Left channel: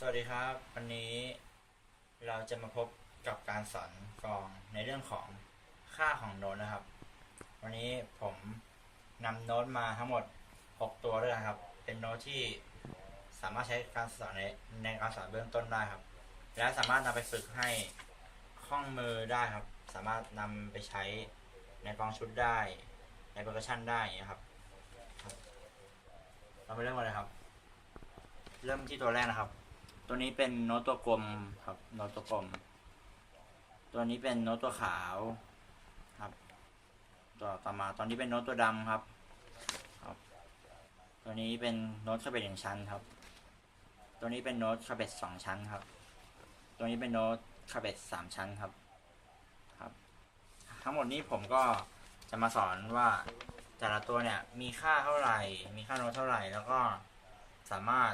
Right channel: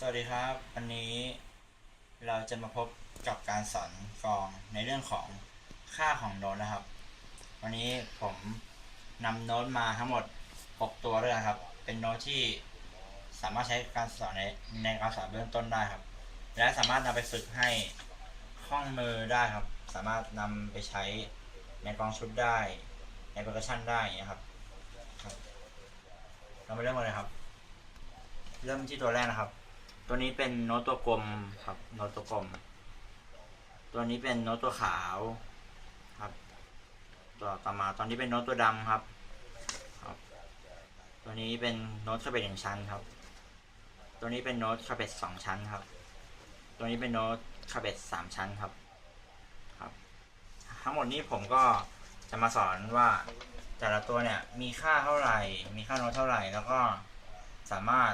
สวัสดีครับ วันนี้เราจะมาพบกับการสอนกองในเรื่องของค่าของโน้ตนะครับ วันนี้ผมนำโน้ตมาทั้งหมด 6 ตัวด้วยนะครับ เป็นโน้ตที่สามารถใช้การสอนในในการสอนเบื้องต้นได้ครับ และสามารถนำไปฝึกให้คล่องมือได้ครับ สามารถนำไปใช้ในกองชุดได้ ในเปอร์คัชชันได้อย่างเงี้ยครับเรามาเริ่มกันเลยครับ เริ่มที่ตัวแรกนะครับ ตัวนี้เป็นโน้ตตัวกลมครับโน้ตตัวกลม ตัวนี้เป็นโน้ตตัวขาวครับตัวต่อมาตอนนี้เป็นโน้ตตัวดำครับครับ ตัวนี้เป็นโน้ตคาเบตหนึ่งชั้นครับ ตัวนี้เป็นโน้ตคาเบตสองชั้นครับ ตัวนี้เป็นโน้ตคาเบตสามชั้นครับครับ ทั้งหมดนี้ผมก็จะมาสอนว่าแต่ละตัวเนี่ยมีค่าเท่าไหร่ มีค่าโน้ตเท่าไหร่ แล้วก็สามารถ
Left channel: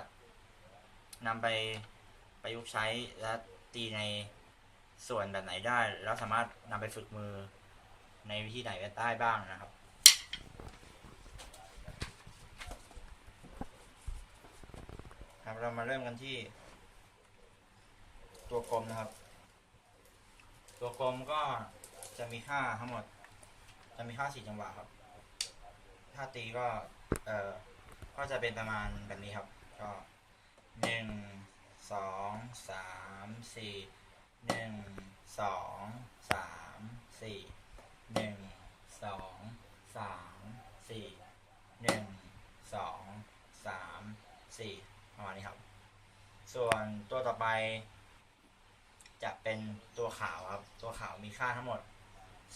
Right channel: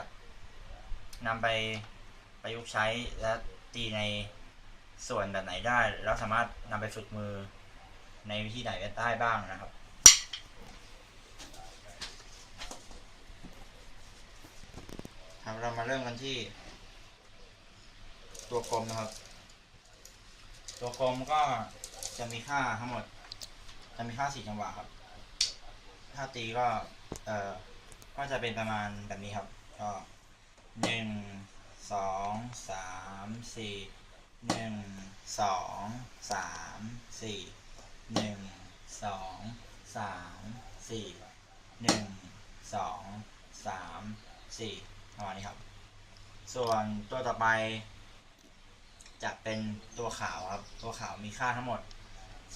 นำไปประยุกต์ใช้และตีในส่วนแบบไหนได้ แล้วสามารถนำไปฝึกมือในวิธีไหนได้บ้างนะครับ ครับเรามาเริ่มกันที่ ตัวกลมนะครับ ตัวกลมก็จะมีค่าทั้งหมด จะมีค่าสี่จังหวะครับ ถ้าตีก็ เอ่อ ก็จะเป็นประมาณแบบนี้ครับ ก็ หนึ่งสองสาม สี่หนึ่งสองสามสี่หนึ่งสองสามสี่หนึ่งสองสามสี่ประมาณนี้ครับ ส่วนตัวต่อไป จะเป็นตัวขาวครับ ตัวขาวมีค่าทั้งหมด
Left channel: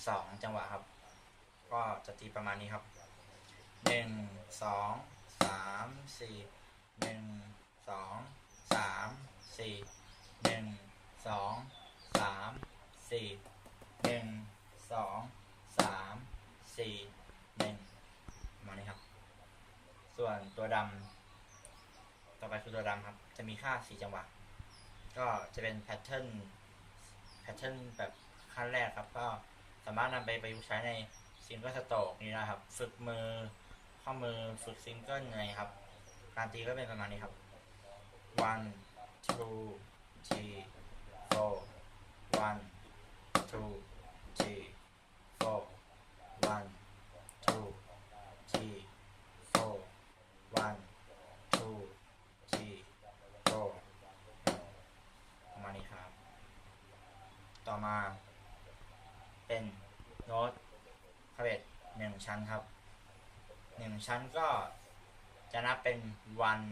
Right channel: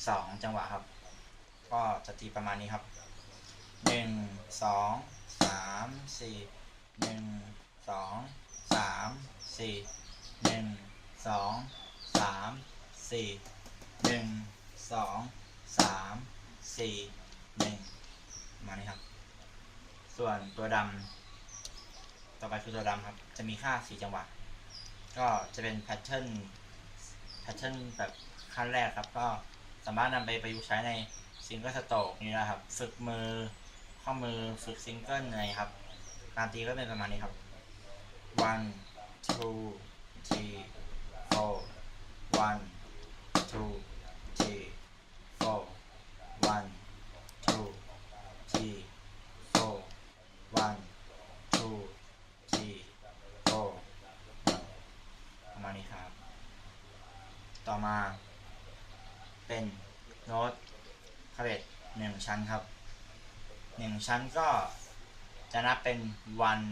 สองจังหวะครับ ก็จะตีประมาณนี้ครับหนึ่งสองสามสี่หนึ่งสองสามสี่ หนึ่งสองสามสี่หนึ่งสองสามสี่หนึ่งมานี้ครับ ส่วนตัวดำต่อไปคือตัวดำครับ จะมีค่าสี่จังหวะ ก็จะเป็นแพทเทิร์นแพทเทิร์นแบบขั้นแรกครับ ก็สามารถนำไปประยุกต์ใช้ในซิงเกิลสโตกนี่นะครับ ฝึกมือข้อมือฝึกซิงเกิลอะไรครับ การตีก็เป็นประมาณนี้ครับ one two one two three four one two three four one two three four ประมาณนี้ครับ ต่อมาเป็นโน้ตคาเบตหนึ่งชั้นครับหนึ่งชั้นก็จะนับเป็น one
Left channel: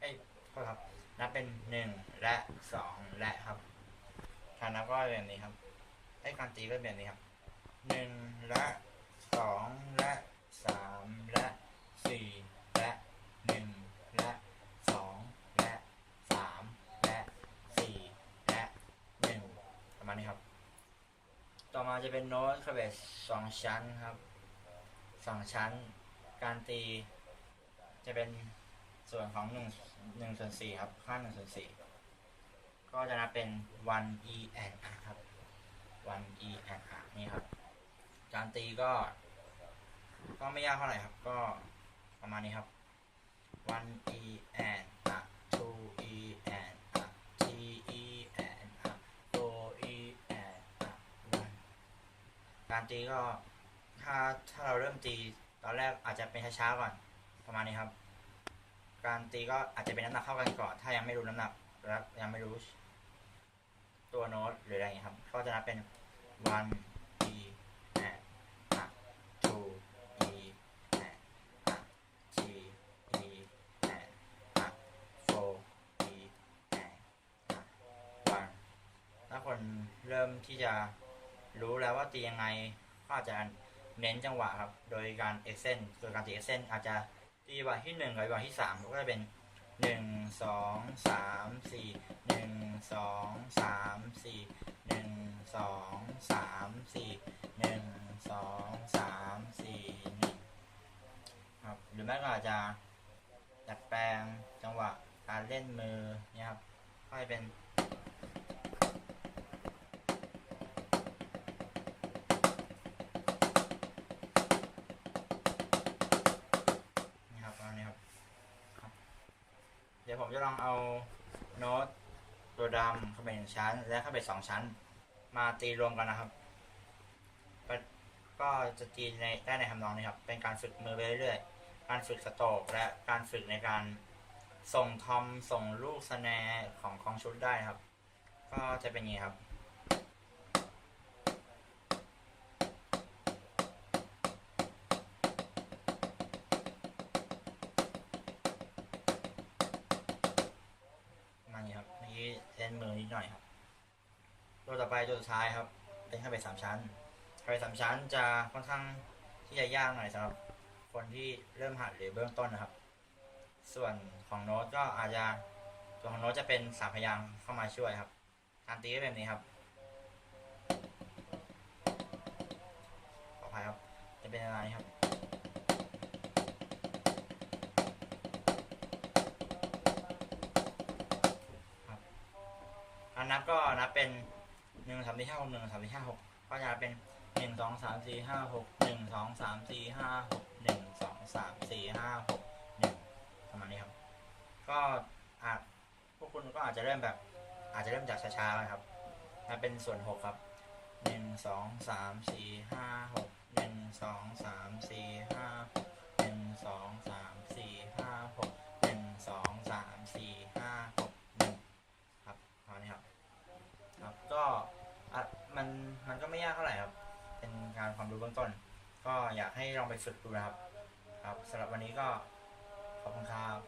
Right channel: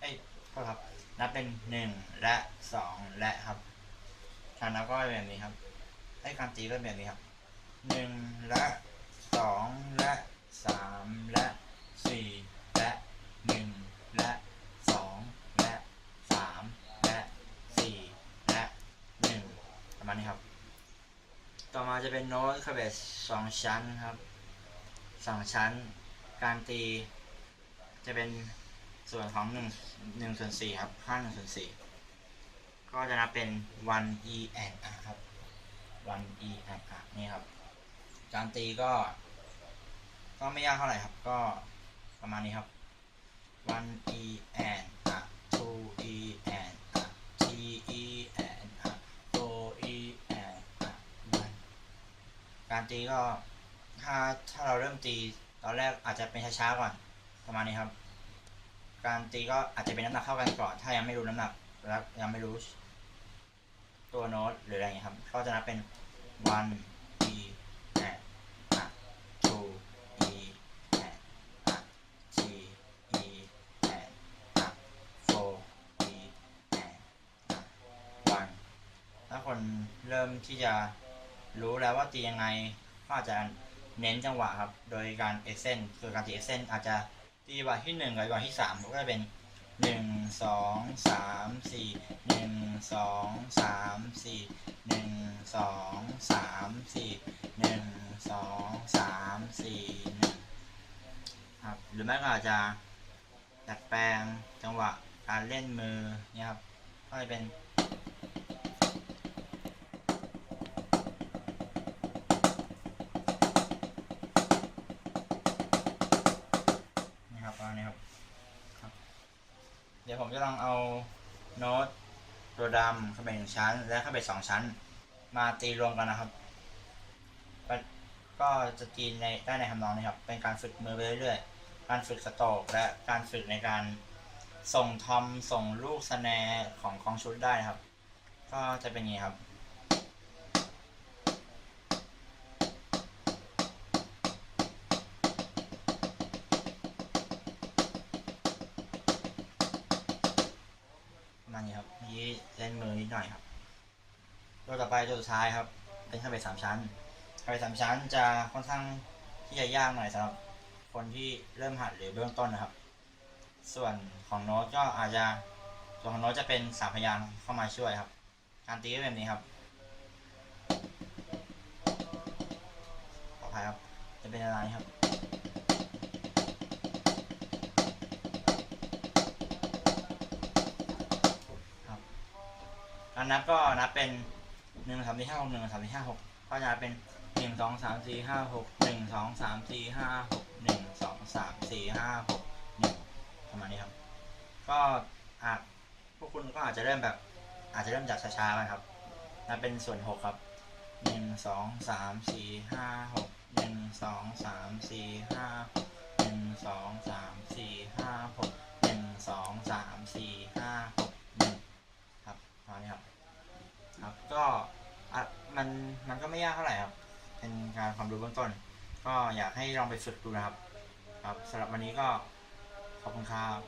เอ้ยโทษครับ นับเป็นหนึ่งและสองและครับ กานับก็เป็นแบบนี้ครับให้การตีก็เป็นแบบนี้ครับหนึ่งและสองและสามและสี่และหนึ่งและสองและสามและสี่และหนึ่งประมาณนี้ครับ ต่อมาจะเป็นโน้ตคาเบสสองชั้นครับสองชั้น การตีจะเป็นส่วนของหนึ่งหนึ่งส่วนสี่ครับ ค่าหนึ่งส่วนสี่ ก็จะนับเป็น one e and r ครับ one e and r นี่ครับ การตีก็ ก็ไม่ยากเท่าไหร่ครับ ก็ประมาณนี้ครับ one e and r two e and r three e and r four e and r one การตีก็ถ้าถ้าเราเริ่มตีตอนแรกอาจจะเป็นช้าๆก่อนประมาณนี้ครับ การตีก็อาจจะเป็นน้ำหนักเท่ากันก่อน ถ้ายังไม่รู้น้ำหนักและยังไม่รู้ ตัวโน้ตหรืออะไรอย่างเงี้ยครับ ก็จะนับเป็น one e and a two e and a three e and a four e and a one ถ้าคนเริ่มที่จะรู้แล้วว่าตียังไงก็อาจจะเน้นจังหวะครับ โดยการเอ็กเซนคือการตีเอ็กเซนอาจจะตีจังหวะที่หนึ่งกับจังหวะที่สามก็จะเป็น หนึ่งสองสามสี่หนึ่งสองสามสี่หนึ่งสองสามสี่หนึ่งสองสามสี่หนึ่งครับหรือไม่ก็อาจจะดัดแปลงจังหวะการเล่นมือเนี่ยครับก็จะเป็น จะลองเอาโน้ตตัวดำเข้าไปหนึ่งชั้น และเข้าไปสองชั้น มาตีรวมกันนะครับ ก็จะตีในได้ในทำนองนี้ครับ เป็นการฝึกมือไปเรื่อยๆ การฝึกสโตรกและการฝึกในการส่งทอมส่งลูกสแนร์ของกองชุดได้นะครับ ก็จะเป็นอย่างนี้ครับ เมื่อกี้เนมือนิดหน่อยครับตัวต่อไปตัวสุดท้ายครับ เป็นข้าไปสามชั้นข้าไปสามชั้นจะค่อนข้างที่จะยากหน่อยสำหรับคนที่เริ่มหัดหรือเบื้องต้นนะครับ ส่วนของโน้ตก็อาจจะตัวของโน้ตจะเป็นสามพยางเข้ามาช่วยครับ การตีก็แบบนี้ครับขออภัยครับจะเป็นอะไรครับ นนับก็นับเป็นหนึ่งสามสี่ห้าหกหนึ่งสามสี่ห้าหกก็จะเป็นหนึ่งสองสามสี่ห้าหกหนึ่งสองสามสี่ห้าหกหนึ่งสองสามสี่ห้าหกหนึ่งประมาณนี้ครับ ก็อะพวกคุณก็อาจจะเริ่มแบบ อาจจะเริ่มจากช้าๆนะครับนับเป็นส่วนหกครับหนึ่งสองสามสี่ห้าหกหนึ่งสองสามสี่ห้าหกหนึ่งสองสามสี่ห้าหกหนึ่งสองสามสี่ห้าหกหนึ่ง ครับประมาณนี้ครับ ครับก็อะ มันก็ไม่ยากเท่าไหร่ครับ เป็นการความรู้เบื้องต้น ก็อยากให้ลองไปฝึกดูนะครับ ครับสำหรับวันนี้ก็ขอบคุณครับ